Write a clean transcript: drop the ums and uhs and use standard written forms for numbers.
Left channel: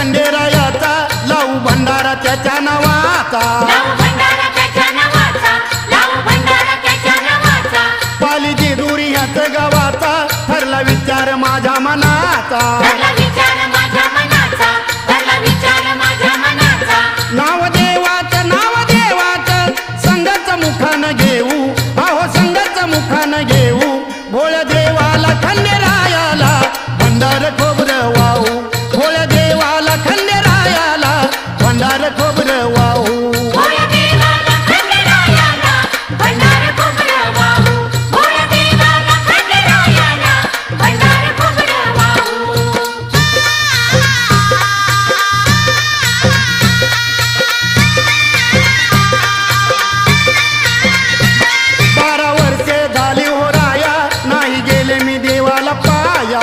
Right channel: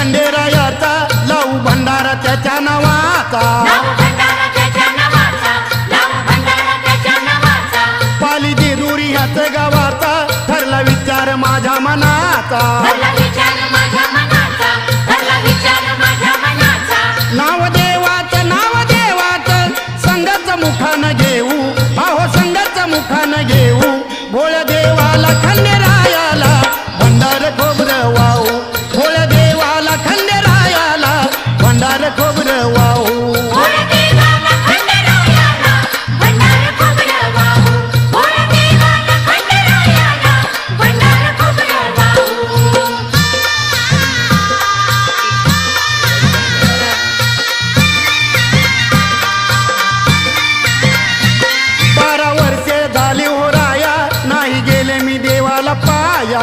खंडेरायाचा लावू भंडारा त्याच्या नावाचा पाली जेजुरी ह्याच गावाचा ठरला विचार माझ्या मनाचा नाव देवाचं संघाचं मुखानं घेऊ अहो संघाचं मुखानं घेऊ भोळ्या देवाला खंडेरायाला भंडार खोबरं वाहू भोळ्या देवाला खंडेरायाला भंडार खोबरं वाहू झाली हो राया नाही गेले मी देवाला पाया